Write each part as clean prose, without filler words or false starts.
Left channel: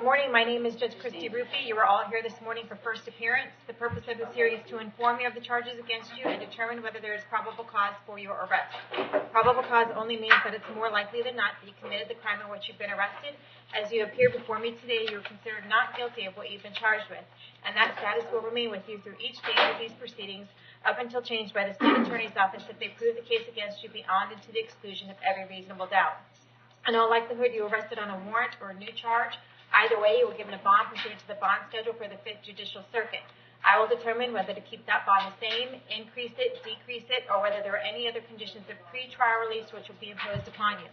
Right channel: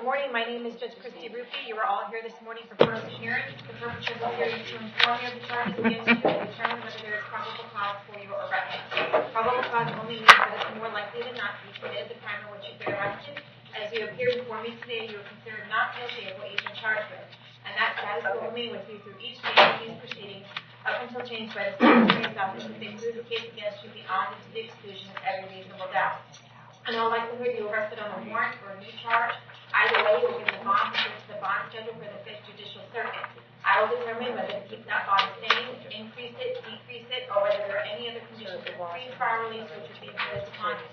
Good morning. My name is Judge Christy Ruppe. You are all here this morning for first appearance. The purpose of this hearing is to inform you of the charges against you and determine whether there is probable cause for your arrest. Probable cause only means that it's more likely than not that you committed the crime in which you've been arrested. As you appear before me today, you are considered not guilty of what you've been charged with, and that status will remain with you through each phase of these proceedings up until changed by the State Attorney's Office if they prove the case against you beyond and to the exclusion of every reasonable doubt. In all likelihood, you are arrested on a warrant or a new charge. Either way, you will given a bond pursuant to the bond schedule for the 5th Judicial Circuit. I will determine whether to keep that bond the same, increase it, decrease it, or whether there are any other conditions of pre-trial release which would be imposed upon you.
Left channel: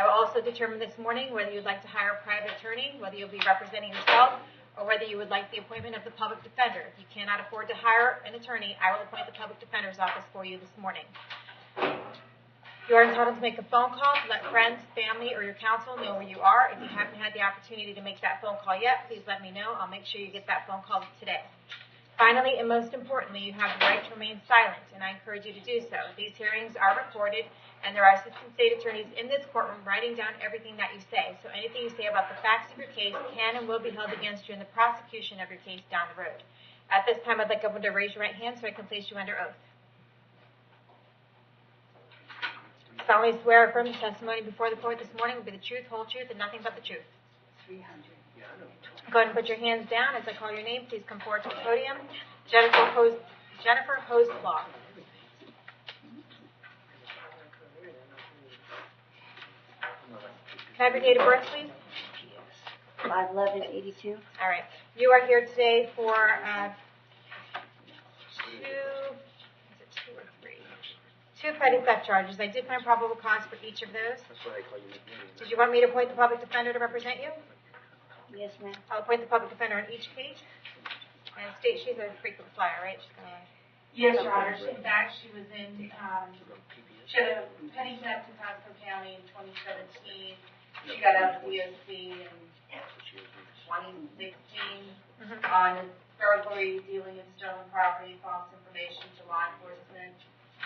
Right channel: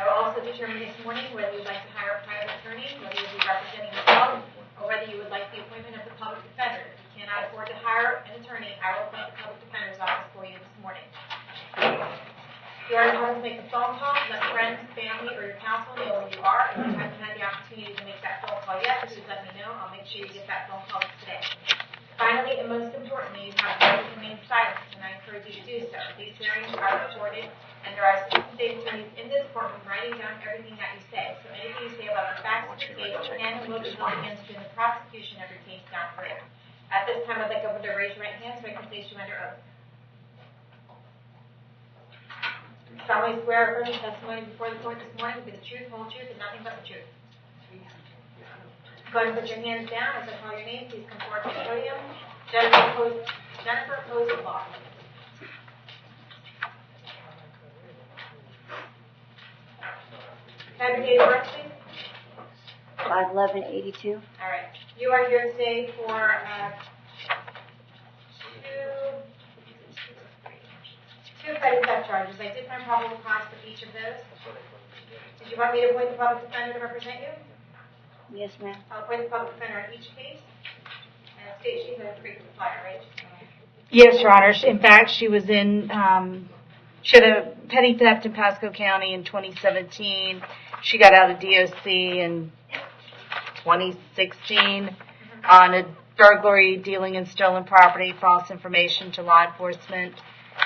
I will also determine this morning whether you would like to hire a private attorney, whether you will be representing yourself, or whether you would like the appointment of the public defender. If you cannot afford to hire an attorney, I will appoint the public defender's office for you this morning. You are entitled to make a phone call to let friends, family, or your counsel know where you are. If you haven't had the opportunity to make that phone call yet, please let me know. I'll make sure you get that phone call today. Finally, and most importantly, you have the right to remain silent, and I encourage you to do so. These hearings are recorded, and there are assistant state attorneys in this courtroom writing down everything that you say. So anything you say about the facts of your case can and will be held against you in the prosecution of your case down the road. At this time, I'd like everyone to raise your right hand so I can place you under oath. Solemnly swear or affirm the testimony before the court this morning will be the truth, whole truth, and nothing but the truth. Go ahead and put your hands down. As I call your name, please come forward to the podium. Jennifer Hose Law. Can I have your date of birth, please? 5/11/82. All right. You are here today for two petty theft charges. I did find probable cause for each of those. Did you want me to appoint the public defender to represent you? Yes, ma'am. I'll appoint the public defender on each case. And state she's a frequent flyer, right? Yes, Your Honor. In fact, she was in, she had a petty theft in Pasco County in 2017. She got out of DOC in 2016 on a burglary, dealing in stolen property, false information to law enforcement,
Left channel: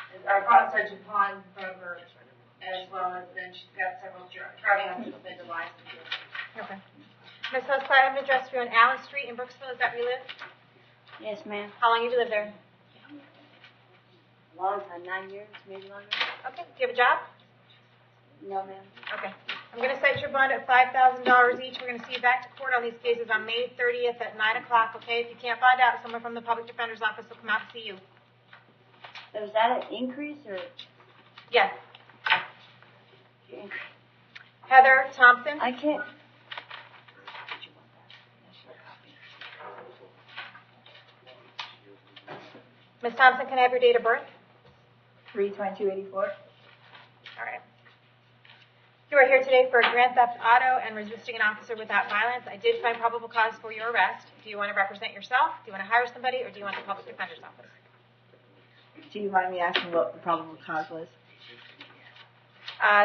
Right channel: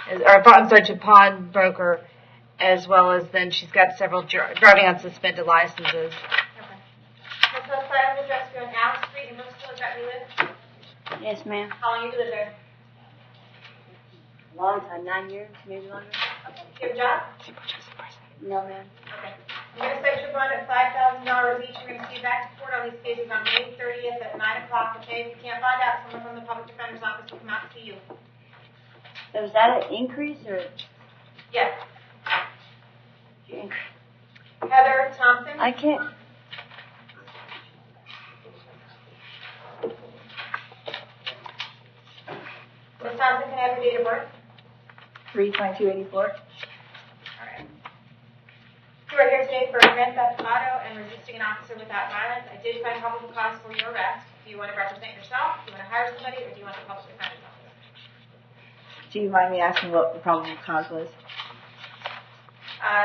to pawnbroker, as well as then she's got several driving on suspended licenses. Okay. Ms. Hosclair, I'm going to address you on Allen Street in Brooksville. Is that where you live? Yes, ma'am. How long have you lived there? A long time, 9 years, maybe longer. Okay. Do you have a job? No, ma'am. Okay. I'm going to cite your bond at $5,000 each. We're going to see you back to court on these cases on May 30th at 9 o'clock, okay? If you can't find out, someone from the public defender's office will come out to see you. So is that an increase or? Yes. Increase? Heather Thompson. I can't. Ms. Thompson, can I have your date of birth? 3/22/84. All right. You are here today for a grand theft auto and resisting an officer without violence. I did find probable cause for your arrest. Do you want to represent yourself? Do you want to hire somebody, or do you want the public defender's office? Do you mind me asking what the probable cause was?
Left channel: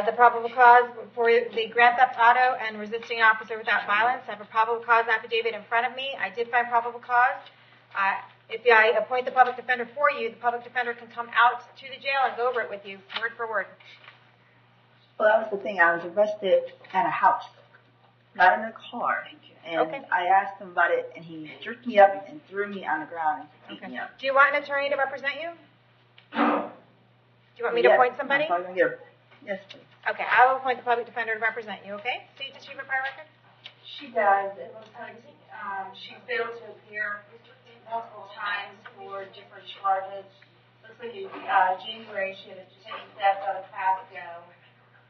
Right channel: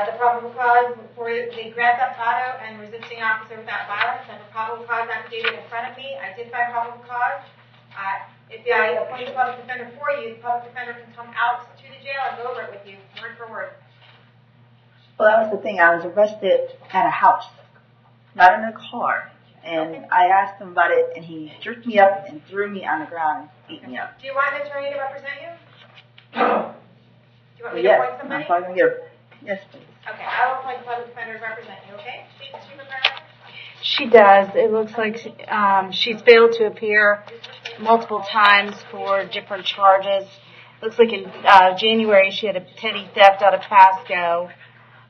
The probable cause for the grand theft auto and resisting an officer without violence. I have a probable cause affidavit in front of me. I did find probable cause. If I appoint the public defender for you, the public defender can come out to the jail and go over it with you, word for word. Well, that was the thing. I was arrested at a house, not in a car. And Okay. I asked him about it, and he jerked me up and threw me on the ground and beat me up. Do you want an attorney to represent you? Do you want me to Yes, appoint somebody? I'm probably gonna get yes, please. Okay, I will appoint the public defender to represent you, okay? State the chief of my record. She does. It looks like she's failed to appear multiple times for different charges. Looks like in January she had a petty theft out of Pasco.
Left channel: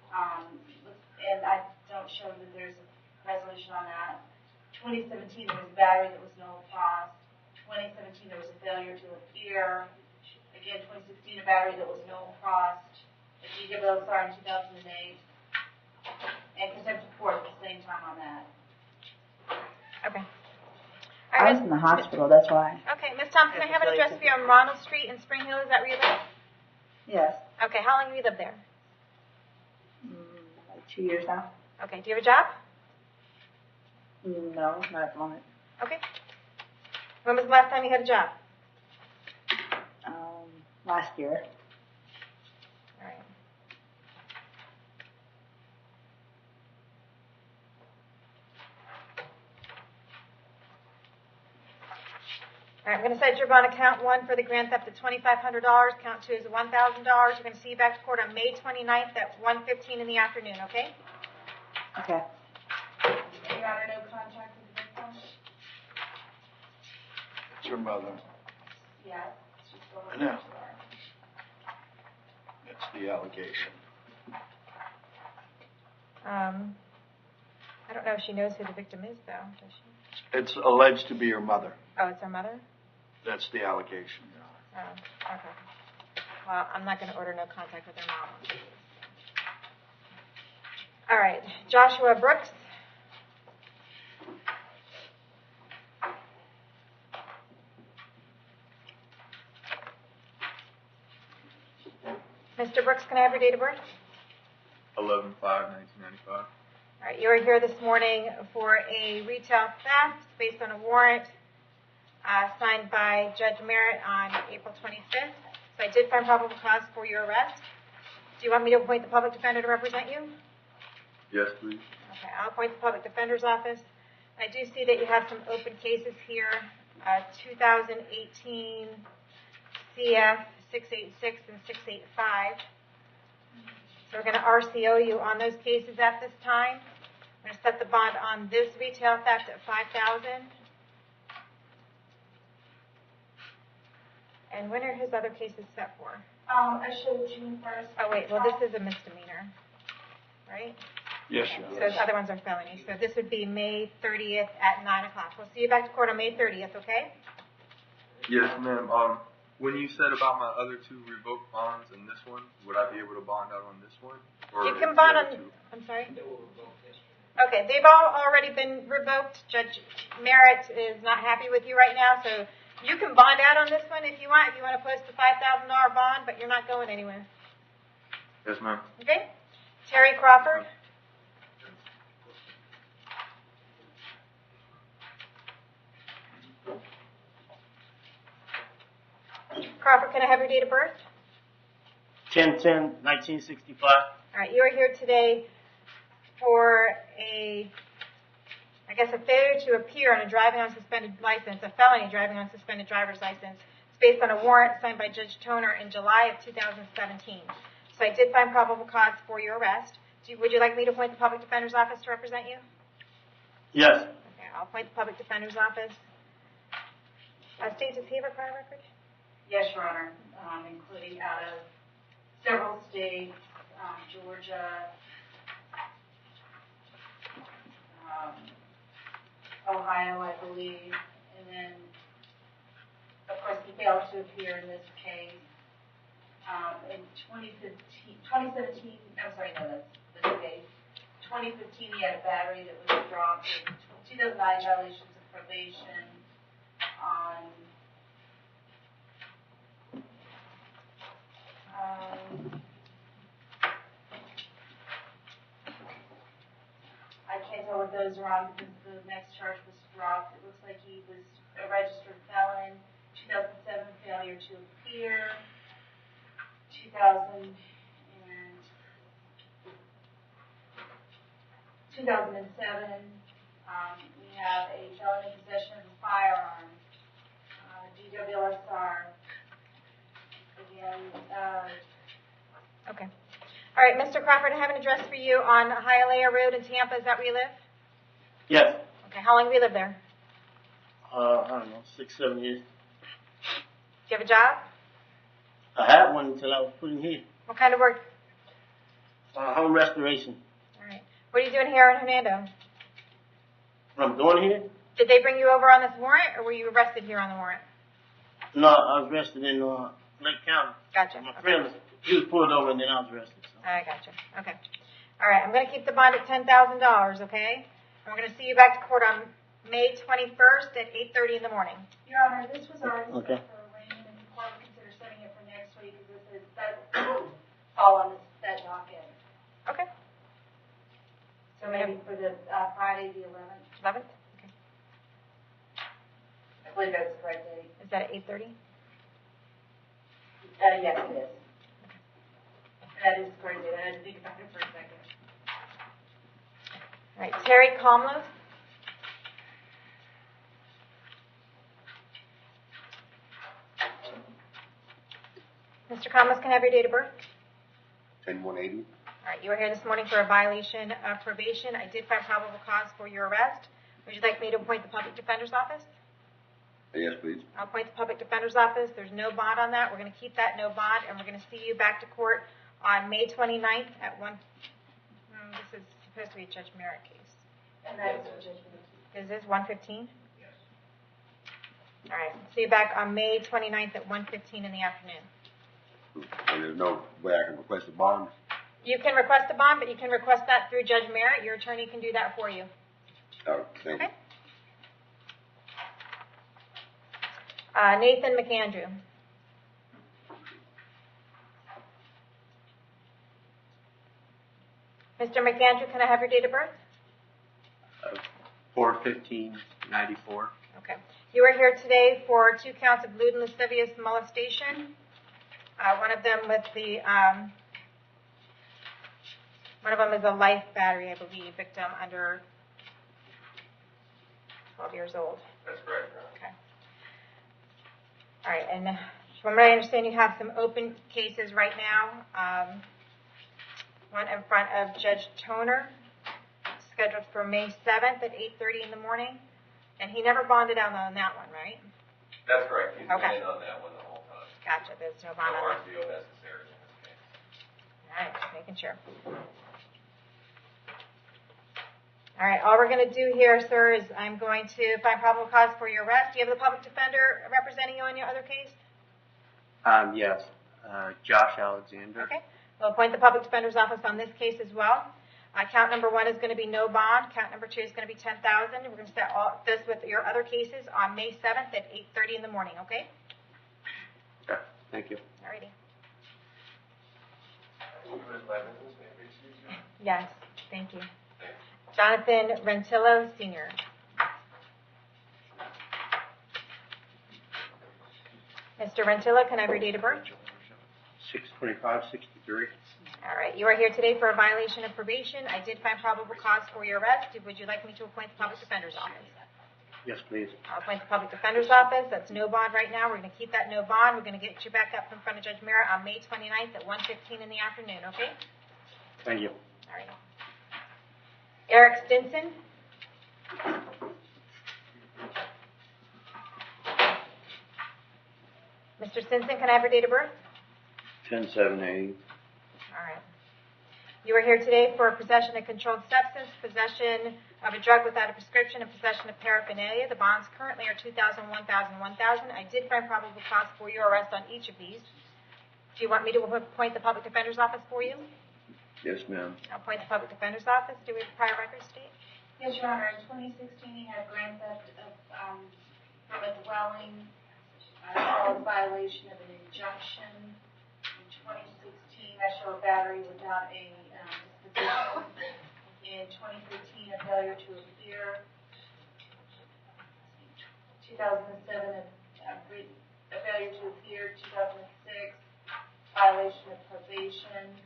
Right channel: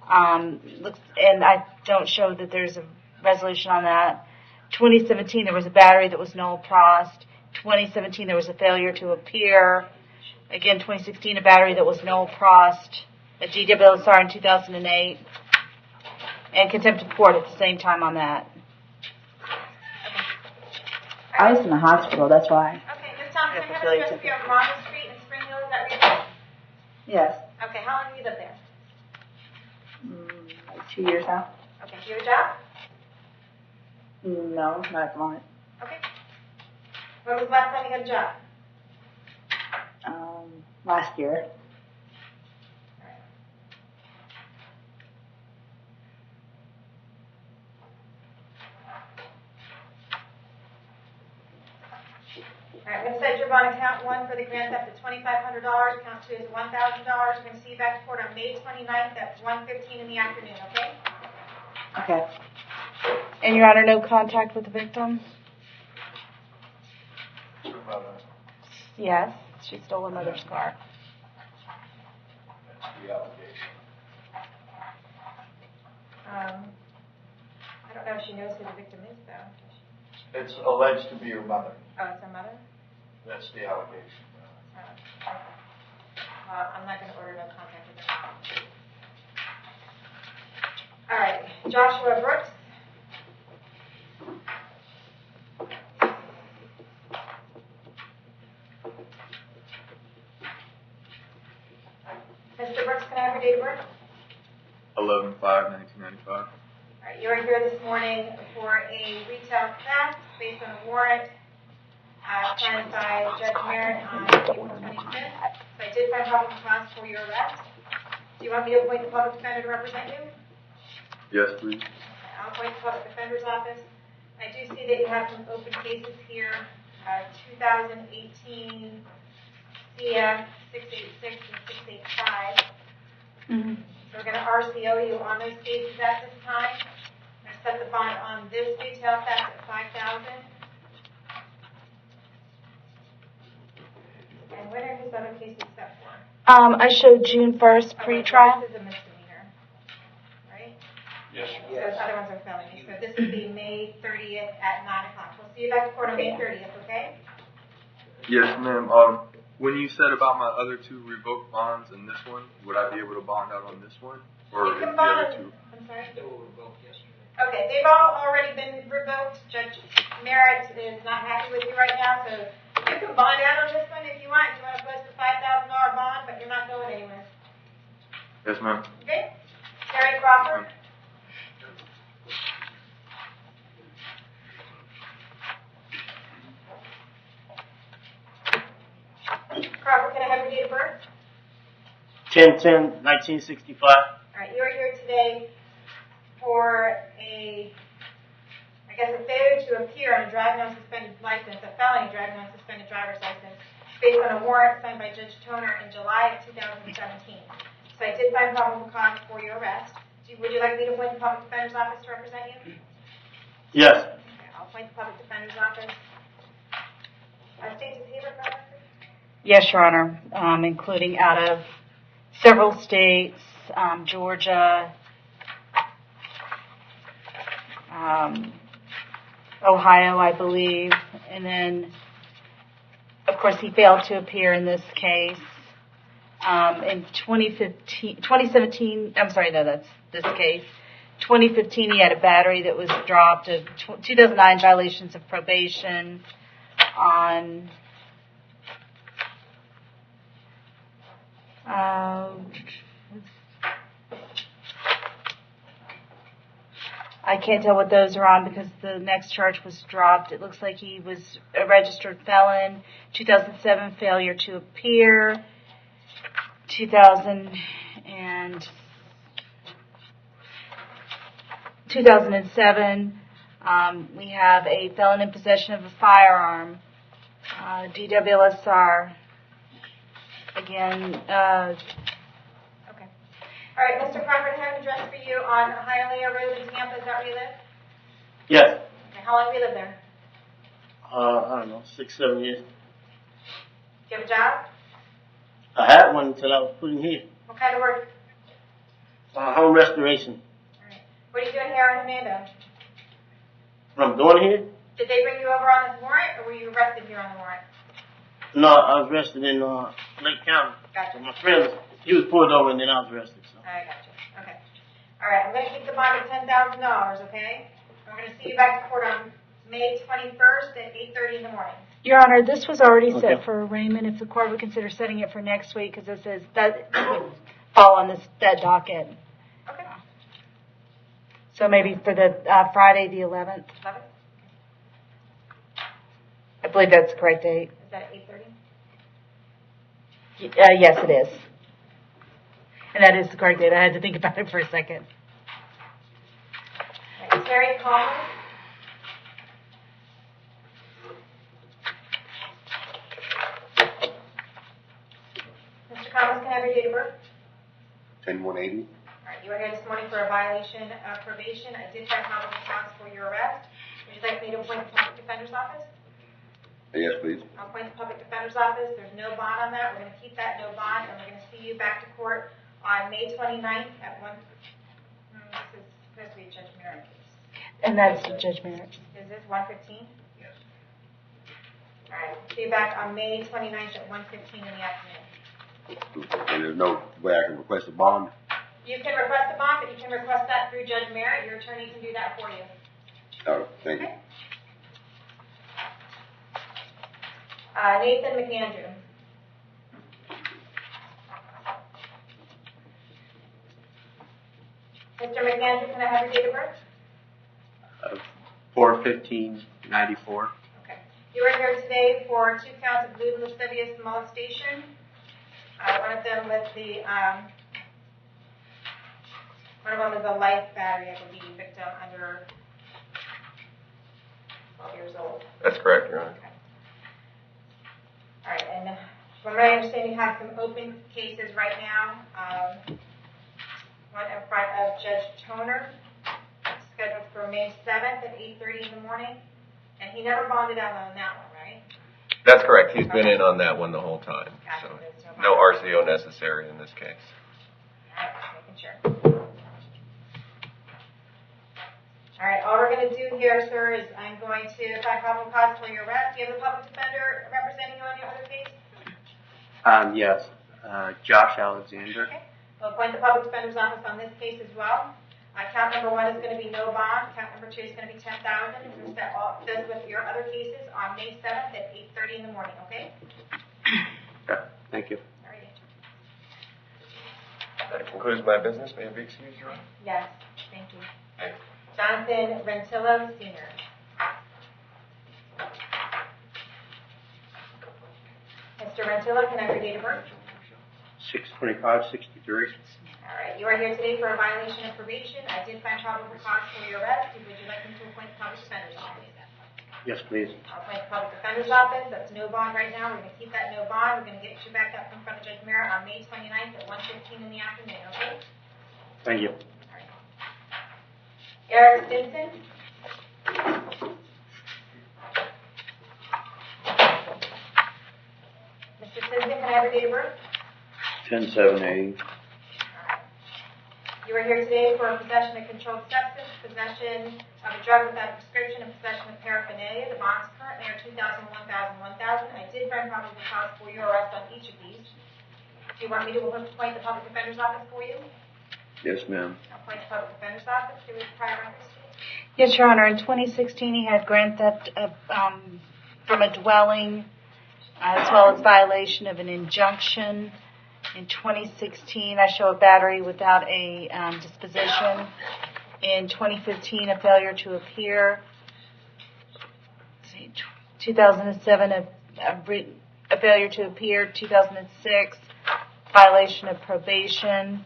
And I don't show that there's a resolution on that. 2017 there was a battery that was null prost. 2017 there was a failure to appear. Again, 2016 a battery that was null prost. A GWSR in 2008. And contempt of court at the same time on that. Okay. I was in the hospital, that's why. Okay, Ms. Thompson, I have an address for you on Ronald Street in Spring Hill. Is that where you live? Yes. Okay, how long have you lived there? Like 2 years now. Okay, do you have a job? No, not at the moment. Okay. When was the last time you had a job? Last year. All right. All right, I'm going to set your bond account 1 for the grand theft at $2,500. Count 2 is $1,000. We're going to see you back to court on May 29th at 1:15 in the afternoon, okay? Okay. And Your Honor, no contact with the victim? It's your mother. Yes, she stole her mother's car. That's the allegation. I don't know if she knows who the victim is, though, does she? It's alleged to be your mother. Oh, it's her mother? That's the allegation. Oh, okay. Well, I'm not going to order no contact with her mom. All right, Joshua Brooks. Mr. Brooks, can I have your date of birth? 11/5/1995. All right, you are here this morning for a retail theft based on a warrant signed by Judge Merritt on April 25th. So I did find probable cause for your arrest. Do you want me to appoint the public defender to represent you? Yes, please. Okay, I'll appoint the public defender's office. I do see that you have some open cases here, 2018 CF 686 and 685. Mm-hmm. So we're going to RCO you on those cases at this time. I'm going to set the bond on this retail theft at $5,000. And when are his other cases set for? I showed June 1st Oh, wait, pre-trial. well, this is a misdemeanor, right? Yes, So those other ones are felonies. So this would be May 30th at 9 o'clock. We'll see you back to court on May 30th, okay? Yes, ma'am. When you said about my other 2 revoked bonds and this one, would I be able to bond out on this one? Or You is can the bond other on, 2? I'm sorry? They were revoked yesterday. Okay, they've all already been revoked. Judge Merritt is not happy with you right now, so you can bond out on this one if you want. If you want to post a $5,000 bond, but you're not going anywhere. Yes, ma'am. Okay? Terry Crawford. Crawford, can I have your date of birth? 10/10/1965. All right, you are here today for a failure to appear on a driving on suspended license, a felony driving on suspended driver's license, based on a warrant signed by Judge Toner in July of 2017. So I did find probable cause for your arrest. Would you like me to appoint the public defender's office to represent you? Yes. Okay, I'll appoint the public defender's office. State, does he have a criminal record? Yes, Your Honor, including out of several states, Georgia, Ohio, I believe, and then, of course, he failed to appear in this case. In 2017, I'm sorry, no, that's this case. 2015, he had a battery that was dropped, 2009 violations of probation on I can't tell what those are on because the next charge was dropped. It looks like he was a registered felon. 2007, failure to appear. 2007, we have a felon in possession of a firearm. DWLSR. Again, Okay. All right, Mr. Crawford, I have an address for you on Hialeah Road in Tampa. Is that where you live? Yes. Okay, how long have you lived there? I don't know, 6-7 years. Do you have a job? I had one until I was put in here. What kind of work? Home restoration. All right. What are you doing here in Hernando? What I'm doing here? Did they bring you over on this warrant, or were you arrested here on the warrant? No, I was arrested in Lake County. Gotcha. My friend, he was pulled over and then I was arrested. So. I gotcha. Okay. All right, I'm going to keep the bond at $10,000, okay? And we're going to see you back to court on May 21st at 8:30 in the morning. Your Honor, this was already Okay. set for arraignment. If the court would consider setting it for next week, because this is that would fall on that docket. Okay. So maybe for the Friday, the 11th. 11th? I believe that's the correct date. Is that at 8:30? Yes, it is. And that is the correct date. I had to think about it for a second. All right, Terry Conlon. Mr. Thomas, can I have your date of birth? 10-180. All right, you were here this morning for a violation of probation. I did find probable cause for your arrest. Would you like me to appoint the public defender's office? Yes, please. I'll appoint the public defender's office. There's no bond on that. We're going to keep that no bond, and we're going to see you back to court on May 29th at 1. This is supposed to be a Judge Merritt case. And that's Judge Merritt. Is this 1:15? Yes. All right, see you back on May 29th at 1:15 in the afternoon. And there's no way I can request a bond? You can request a bond, but you can request that through Judge Merritt. Your attorney can do that for you. Oh, thank you. Okay. Nathan McAndrew. Mr. McAndrew, can I have your date of birth? 4/15/94. Okay. You are here today for 2 counts of lewd and lascivious molestation. One of them with the, one of them is a life battery, I believe, victim under 12 years old. That's correct, Your Honor. Okay. All right, and from what I understand, you have some open cases right now. One in front of Judge Toner, scheduled for May 7th at 8:30 in the morning. And he never bonded out on that one, right? That's correct. He's been Okay. in on that one the whole time. Gotcha, So there's no bond. no RCO necessary in this case. All right, just making sure. All right, all we're going to do here, sir, is I'm going to find probable cause for your arrest. Do you have the public defender representing you on your other case? Yes. Josh Alexander. Okay. We'll appoint the public defender's office on this case as well. Count number 1 is going to be no bond. Count number 2 is going to be $10,000. We're going to start all this with your other cases on May 7th at 8:30 in the morning, okay? Okay. Thank you. All righty. That concludes my business. May I be excused, Your Honor? Yes, thank you. Jonathan Rentillo, Sr. Mr. Rentillo, can I have your date of birth? 6/25/63. All right, you are here today for a violation of probation. I did find probable cause for your arrest. Would you like me to appoint the public defender's office? Yes, please. I'll appoint the public defender's office. That's no bond right now. We're going to keep that no bond. We're going to get you back up in front of Judge Merritt on May 29th at 1:15 in the afternoon, okay? Thank you. All right. Eric Stinson. Mr. Stinson, can I have your date of birth? 10/7/80. All right. You are here today for possession of controlled substance, possession of a drug without a prescription, and possession of paraphernalia. The bonds currently are $2,000, $1,000, $1,000. I did find probable cause for your arrest on each of these. Do you want me to appoint the public defender's office for you? Yes, ma'am. I'll appoint the public defender's office. Do we have prior records, State? Yes, Your Honor. In 2016, he had grand theft from a dwelling, as well as violation of an injunction. In 2016, I show a battery without a disposition. In 2015, a failure to appear. 2007, a failure to appear. 2006, violation of probation.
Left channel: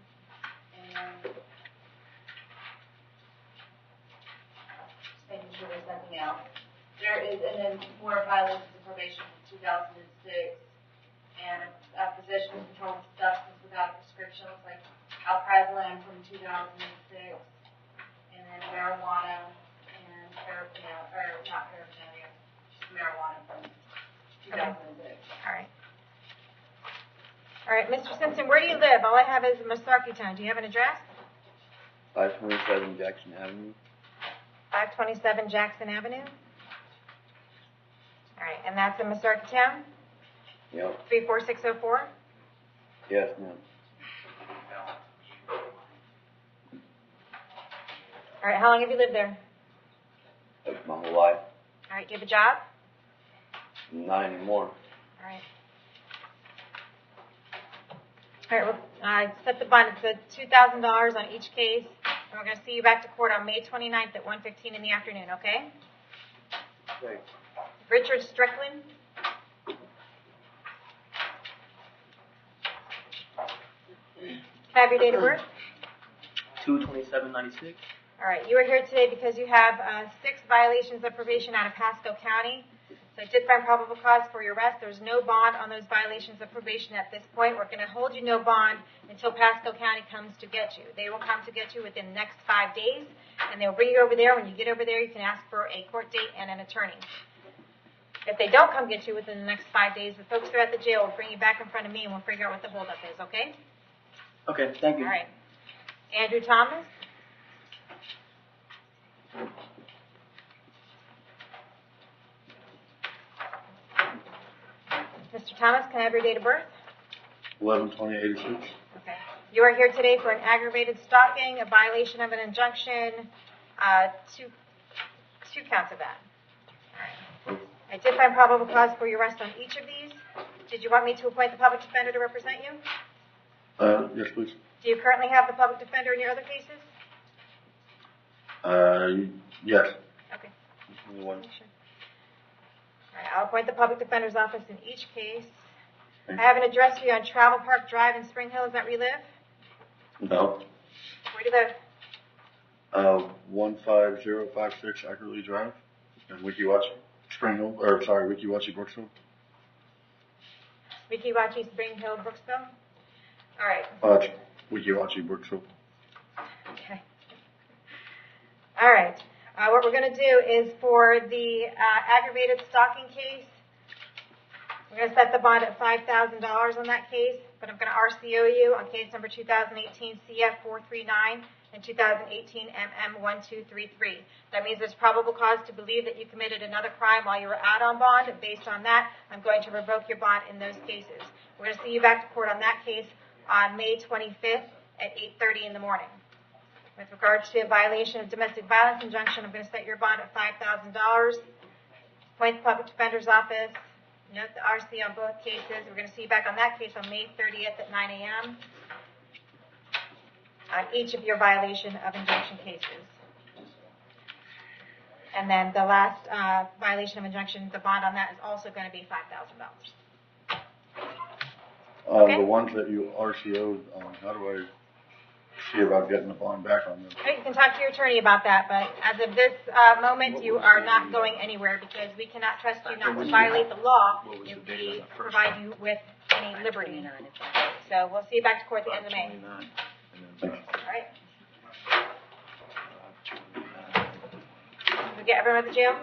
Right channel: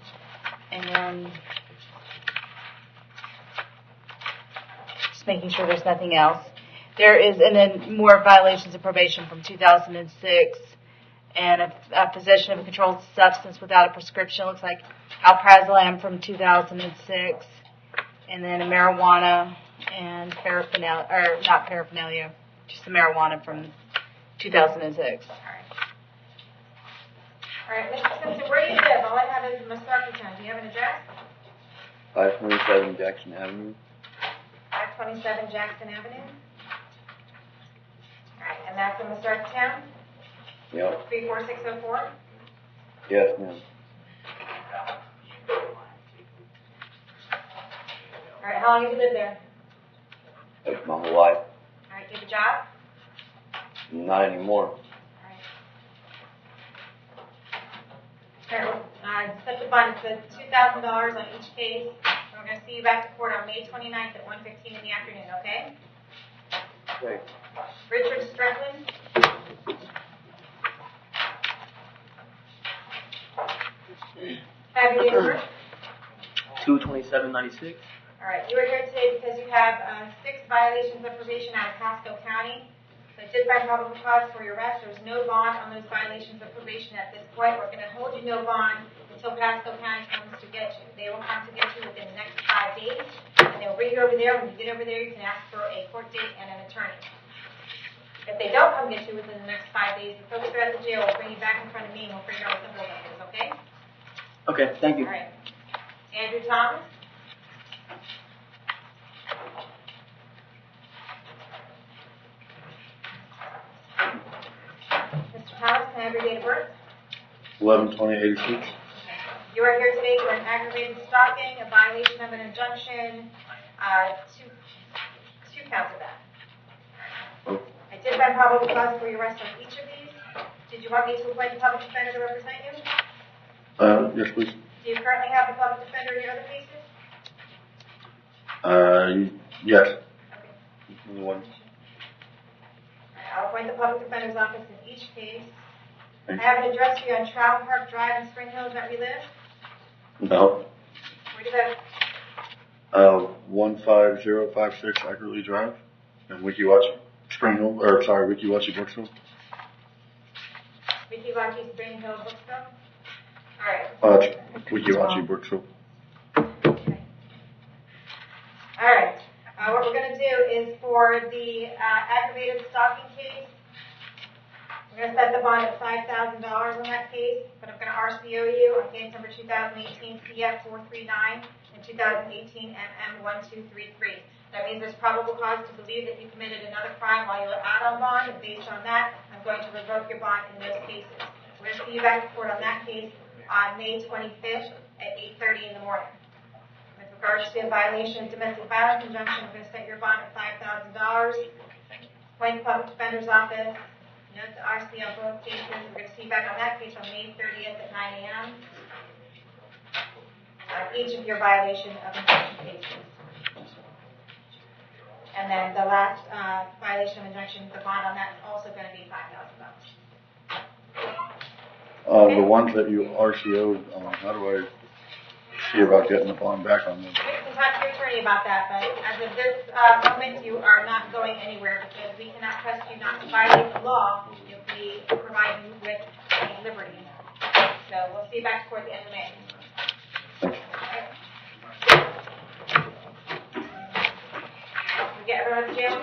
And just making sure there's nothing else. There is, and then more violations of probation from 2006, and a possession of a controlled substance without a prescription. Looks like alprazolam from 2006, and then a marijuana and paraphernalia, or not paraphernalia, just the marijuana from 2006. All right. All right, Mr. Simpson, where do you live? All I have is Masarky Town. Do you have an address? 527 Jackson Avenue. 527 Jackson Avenue. All right, and that's in Masarky Town? Yep. 34604? Yes, ma'am. All right, how long have you lived there? That's my whole life. All right, do you have a job? Not anymore. All right. All right, well, set the bond. It's $2,000 on each case. And we're going to see you back to court on May 29th at 1:15 in the afternoon, okay? Okay. Richard Strickland. Have your date of birth? 2/27/96. All right, you are here today because you have 6 violations of probation out of Pasco County. So I did find probable cause for your arrest. There's no bond on those violations of probation at this point. We're going to hold you no bond until Pasco County comes to get you. They will come to get you within the next 5 days, and they'll bring you over there. When you get over there, you can ask for a court date and an attorney. If they don't come get you within the next 5 days, the folks that are at the jail will bring you back in front of me, and we'll figure out what the holdup is, okay? Okay, thank you. All right. Andrew Thomas? Mr. Thomas, can I have your date of birth? 11/20/86. Okay. You are here today for an aggravated stalking, a violation of an injunction, two counts of that. All right. I did find probable cause for your arrest on each of these. Did you want me to appoint the public defender to represent you? Yes, please. Do you currently have the public defender in your other cases? Yes. Okay. Only one. All right, I'll appoint the public defender's office in each case. I have an address for you on Travel Park Drive in Spring Hill. Is that where you live? No. Where do you live? 15056 Accurately Drive in Wikiwachi, Spring Hill, Wikiwachi, Brooksville. Wikiwachi, Spring Hill, Brooksville? All right. Wikiwachi, Brooksville. Okay. All right. What we're going to do is for the aggravated stalking case, we're going to set the bond at $5,000 on that case, but I'm going to RCO you on case number 2018 CF439 and 2018 MM1233. That means there's probable cause to believe that you committed another crime while you were out on bond, and based on that, I'm going to revoke your bond in those cases. We're going to see you back to court on that case on May 25th at 8:30 in the morning. With regards to a violation of domestic violence injunction, I'm going to set your bond at $5,000. Appoint the public defender's office. Note the RC on both cases. We're going to see you back on that case on May 30th at 9 a.m. on each of your violation of injunction cases. And then the last violation of injunction, the bond on that is also going to be $5,000. Okay. The ones that you RCO'd, how do I see about getting the bond back on them? You can talk to your attorney about that, but as of this moment, you are not going anywhere because we cannot trust you not to violate the law if we provide you with any liberty. So we'll see you back to court at the end of May. Thanks. All right. We get everyone at the jail?